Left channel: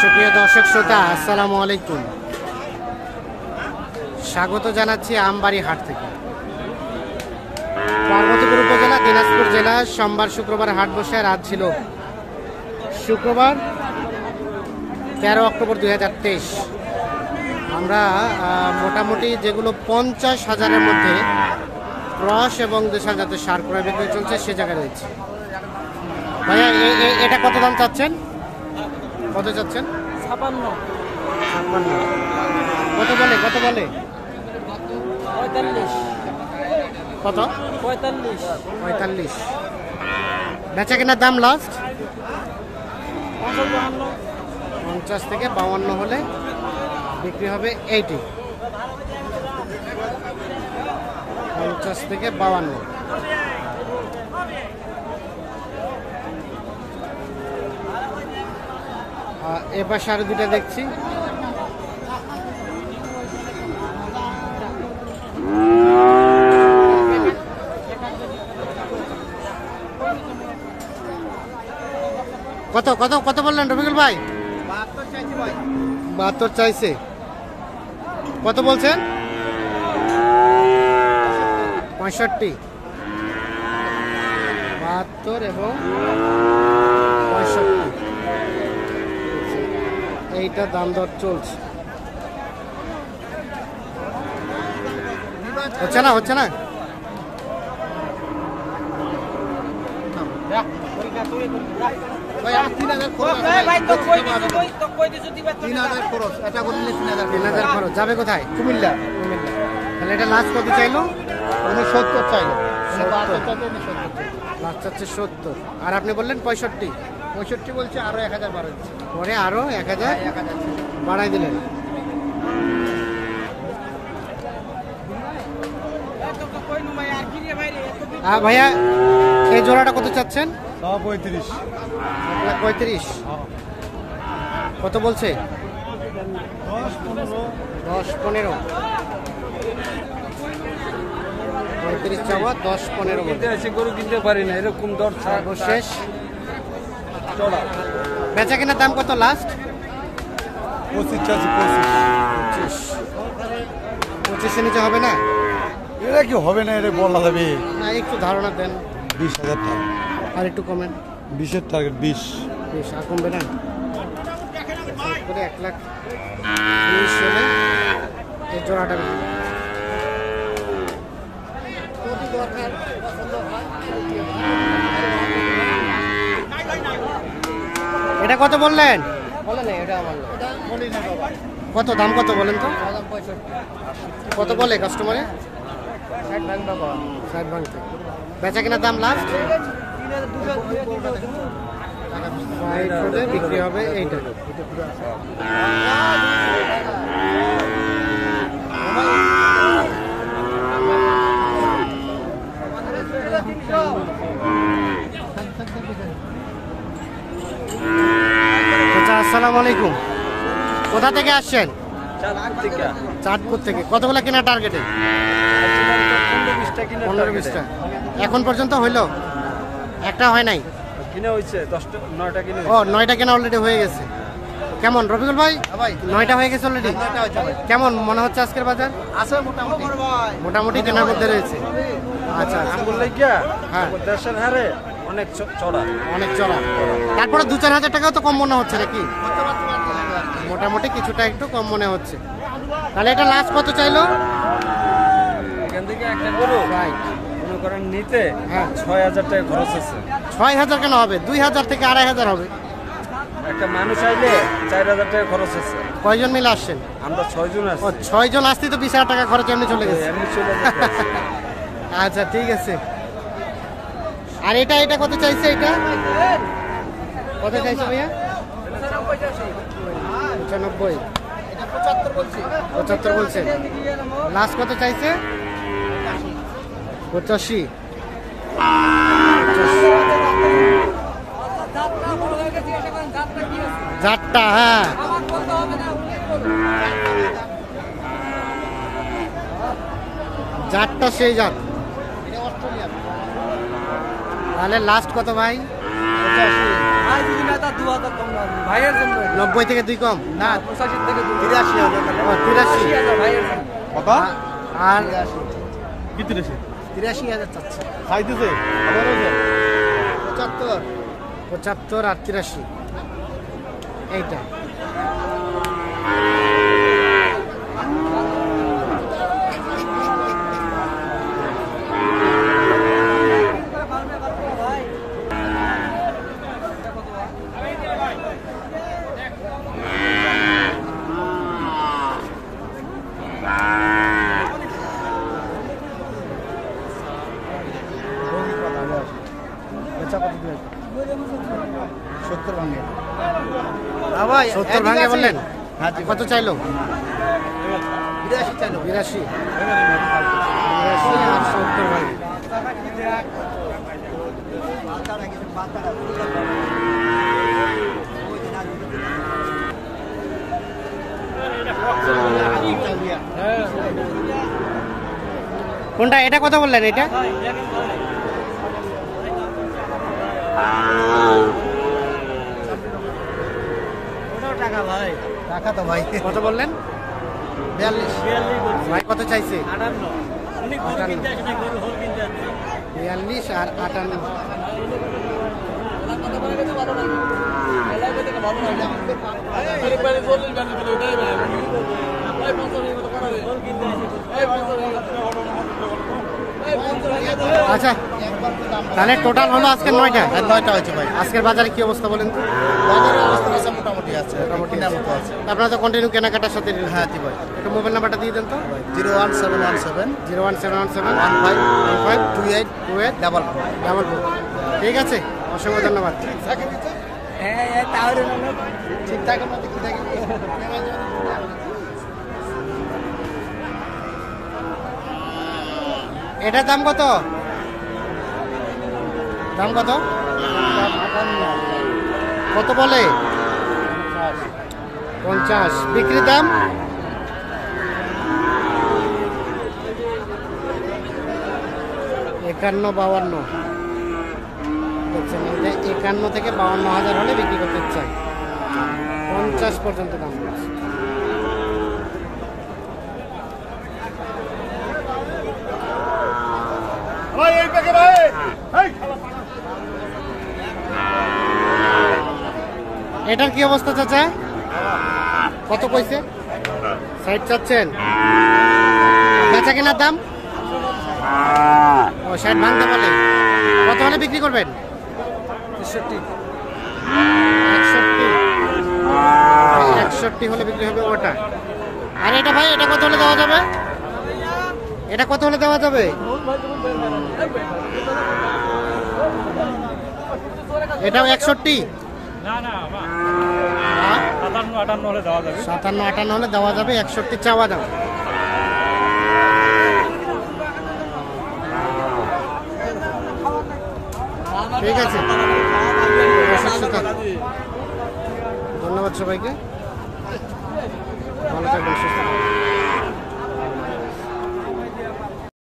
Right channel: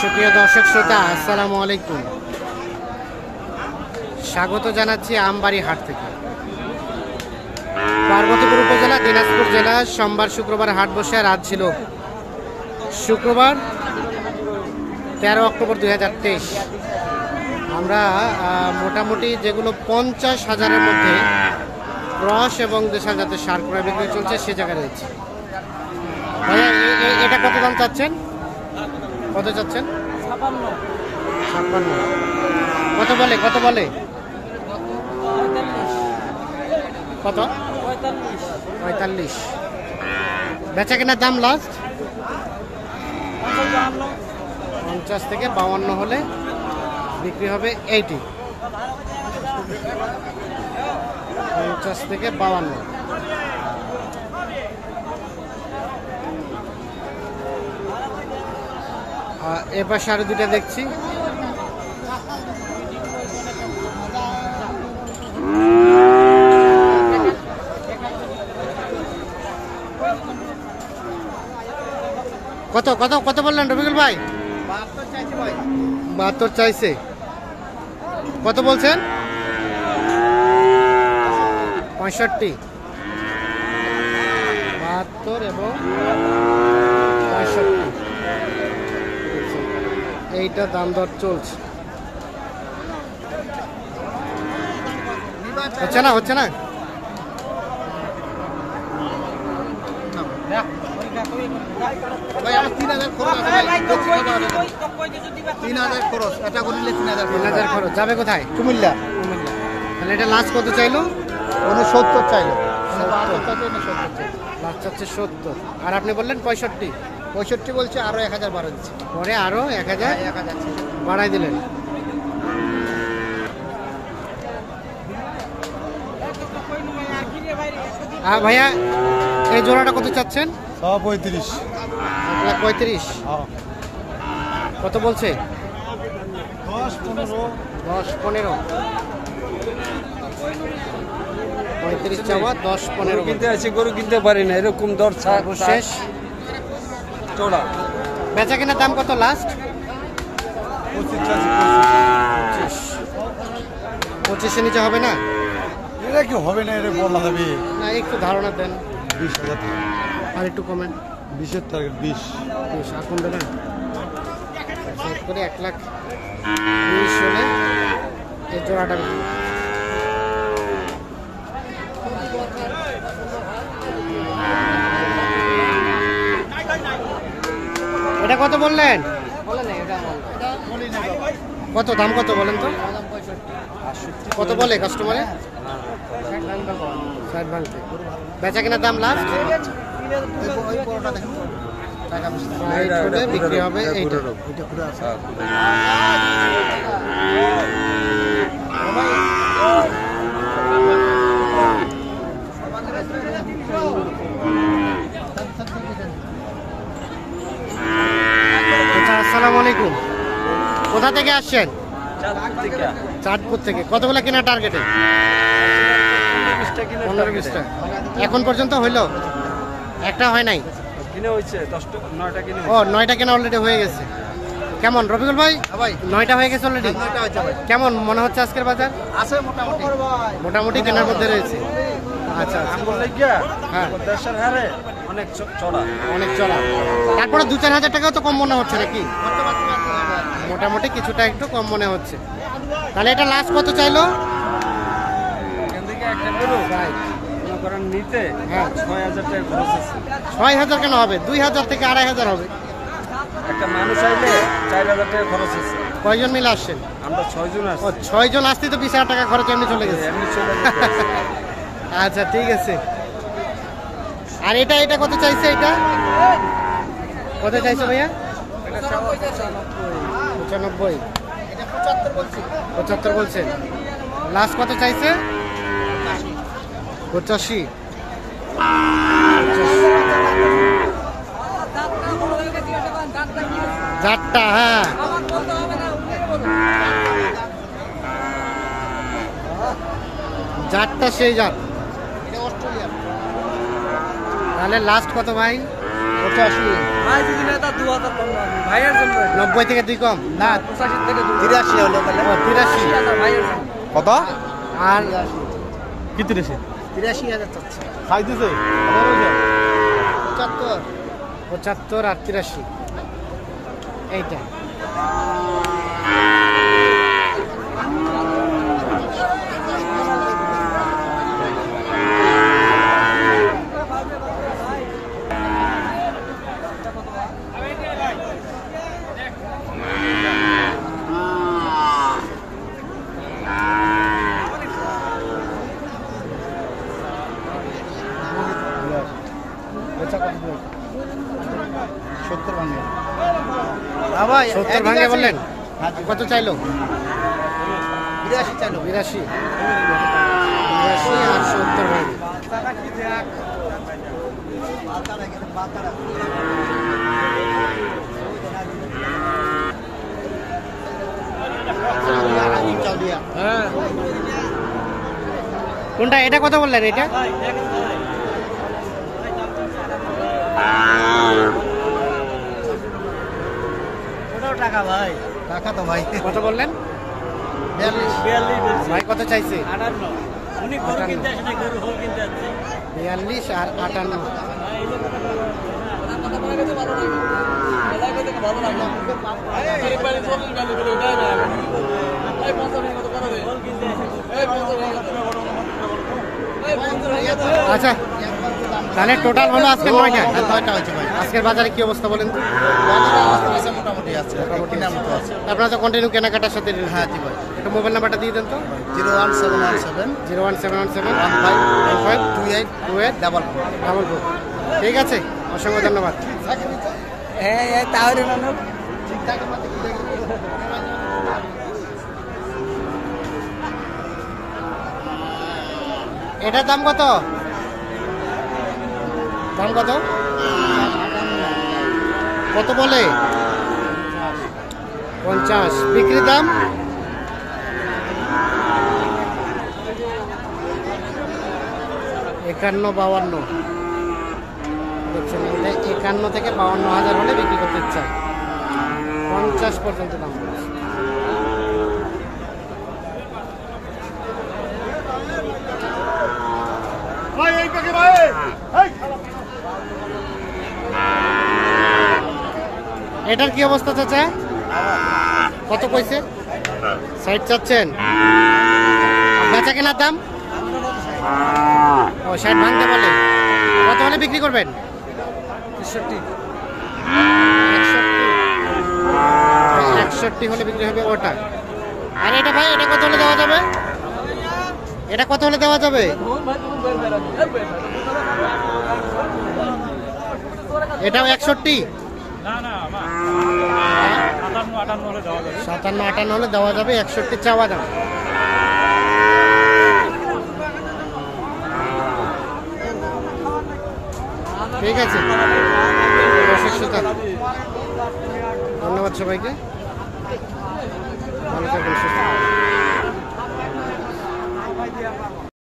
সুপ্রিয় দর্শক শ্রোতা, আসসালামু আলাইকুম। স্বাগত জানাচ্ছি আমবাড়ি হাট থেকে। পার্বতীপুর উপজেলা, দিনাজপুর জেলা। সোমবার শুক্রবার হাট বসে। রাত ছিল শুক্রবার 13 অক্টোবর 2023। আমরা মোটামুটি যেগুলো 50,000-এর মধ্যে ক্রস এবং দেশাল জাতের সার ক্রয় বিক্রয় চলছে সে জায়গায় রয়েছে। ভাইয়া এটা কত দাম চাচ্ছেন? কত চাচ্ছেন? 56। কত বলে কত কত? 45। বেচা কেনার দাম লাস্ট 50 থেকে 52 হলে বিক্রি হবে 80। 50 থেকে 52। এবার আরো দুটা দেখছি। কত কত কত বললেন রফিকুল ভাই? 72 চাইছে। কত বলছেন? 65। 72 এবং 65 এইটা দাম দর চলছে। হচ্ছে না হচ্ছে না। ভাই আমার 3000 খরচ আছে ভাই। 3000 খরচ, এটা করিলে 3000 খরচ যাবে কোথায়? কুমিল্লা। কুমিল্লা। তাহলে এটা লাস্ট কত চাইলো? উনি 70 চাইলো। 70 লাস্ট চাচ্ছে 70। আর আপনি বললেন 65। 65 বলছে, আরো 1000 বাড়াই দিচ্ছে। পরে আরো 1000 বাড়াই দিলেন। ভাইয়া এই জোড়াটা কত চাচ্ছেন? 35। 1,35,000। কত বলছে? 10-15। 35 চাওয়া, 10-15 গরু কিনতে পারি না, এরকম দর সর্বশেষ। চড়া বেচা কেনার দাম কত লাস্ট? 25। 25 নিচে হবে না? এটা কি হবে না, এটা বলা হবে না, একটু ধারণা দেন। 20,000। আর একটু কমেন। 20-এর টার্গেট 20। আর কমবে না? করে 1,20,000 হলে এই জোড়াটা বিক্রি। এটা কত বললেন? কত দাম কত বলেন তো? কত বলে কাস্টমারে? 60 ভাঙতে। বেচা কেনার দাম লাস্ট 60 হলে বিক্রি হবে এইটা। আসসালামু আলাইকুম। কোথা থেকে আসছেন? চাঁদপুর থেকে। কতগুলো কেনার টার্গেটে? 15-20টা। এখন পর্যন্ত হইলো? একটা হয় নাই? ও 9টা কেনা অলরেডি হয়ে গেছে। কেমন রফিকুল ভাই? 9টা হয়ে গেছে অলরেডি। কেমন মনে হচ্ছে আজকের বাজার? আছে মোটামুটি মোটামুটি কেনার মধ্যে রয়েছে। আচ্ছা আচ্ছা। হ্যাঁ, অনেক চড়া। তারপরে 2-4 হাজার টাকাও তো কম মনে হচ্ছে নাকি? মোটামুটি কিছুটা একটু কম মনে হচ্ছে। তাহলে এটা লাস্ট কত চাইলো? নিতে হ্যাঁ 6,000 টাকা খরচ হয়েছে। 6,000 কেন হবে? 2,000 থেকে 2,500 হবে। একটা মানুষ চাইলে 4,000 টাকা খরচ হচ্ছে। কয়জন মিলে আসছেন? আমরা 6 জন আছি। ও 6 জন আসতে তো 20,000 টাকা খরচ এমনি চলে গেছে। এমনি চলে গেছে। আচ্ছা ঠিক আছে। আর এটা কত চাইছে? এটা কত চাইছে ভাইয়া? 95। 75 বলছে। লাস্ট কত চাইছে? 85। জাতটা হ্যাঁ জাতটা সেই জাত। তাহলে লাস্ট কত ভাই? ভাই যদি না তা 2000 কম না ভাইয়ের জন্য 90 থেকে 2 কম না 85 থেকে 83 হলো 83 ভাইয়ের জন্য কত আর কি 83,000 চাচ্ছে খাইতেছে আবার 75 75 আর 83 এইটা বেচা কত দিবে 70 ভাঙে ভাই 70 ভাঙে বললেন কত চাইলো 82 চাইলো 82 আর 70 ভাঙে কোনটা এটা কথা বললেন এটা ওটাও টাকা ভাই টাকা তো ভাই কত বললেন 42 ভাই কত চাইছে 58 উনি গরু কিনতে আসে না গরু হোল কিনতে আসছে 42 আর 58 ভালো লাগে এলাই করতে ভালো লাগে এই পারে চলুন জানি করে ওটাই ভাই 50 কত করা যায় হোল কিনতে আসে এই 50 কত বড় এই 50 আচ্ছা তাহলে টোটাল হলো আজকে 9টা 9টা হয়েছে ভাই আজকের বাজারে কি অবস্থা বলেন তো বাজারের অবস্থা আছে মোটামুটি আছে মোটামুটি কেনার মতো আছে আপনারা তো কন্টিনিউ কেনাকাটার সাথে হ্যাঁ জি ভাই একটু মোবাইল নাম্বারটা দিয়ে দেন তো ভাই 01717 01717 15 28 28 44 ঠিক আছে অসংখ্য ধন্যবাদ হ্যাঁ তাহলে ঠিকঠাক মতো কি দেখি এটার দাম কত কত বলে 50 বিক্রি দাম একান্ন 52 দেখছেন এটা 51 থেকে 52,000 হলে বিক্রি করতে চাই 50 পর্যন্ত দাম বলছে। এটার কি অবস্থা চাচা কত কইছে 60 চাচ্ছেন বেচা কেনার দাম ও 60 ভাঙতে বলে কত হলে বিক্রি করবেন 61 হলে বিক্রি হবে ওটা আর এটা ভাই এটা কত হলে দেওয়া যাবে এটা কত হলে দেওয়া যাবে এটাও 61 57-58 হলে দেওয়া যাবে 61 চাওয়া দাম ঠিক আছে ধন্যবাদ সবাইকে ভালো থাকবেন সুস্থ থাকবেন